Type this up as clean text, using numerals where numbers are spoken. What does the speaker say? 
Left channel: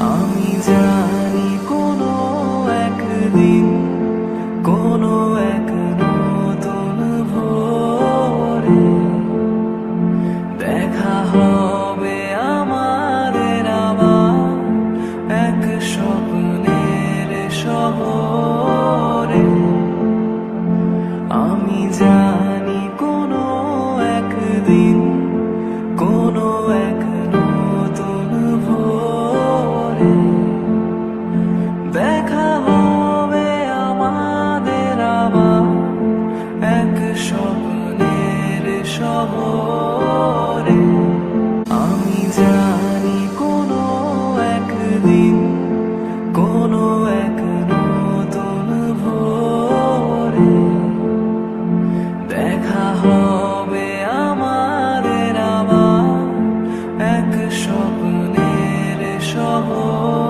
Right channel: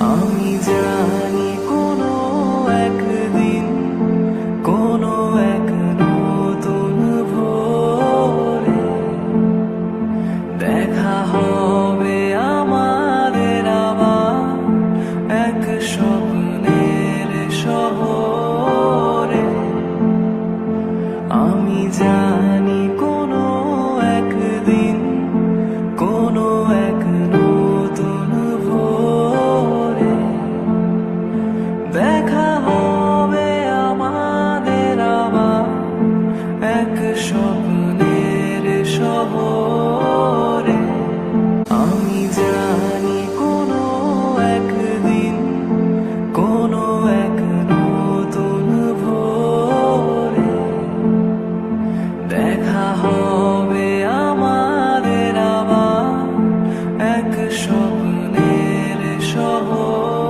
আমি জানি কোনো একদিন, কোনো এক নতুন ভোরে দেখা হবে আমাদের আবার এক স্বপ্নের শহরে। আমি জানি কোনো একদিন, কোনো এক নতুন ভোরে দেখা হবে আমাদের আবার এক স্বপ্নের শহরে। আমি জানি কোনো একদিন, কোনো এক নতুন ভোরে দেখা হবে আমাদের আবার এক স্বপ্নের শহর।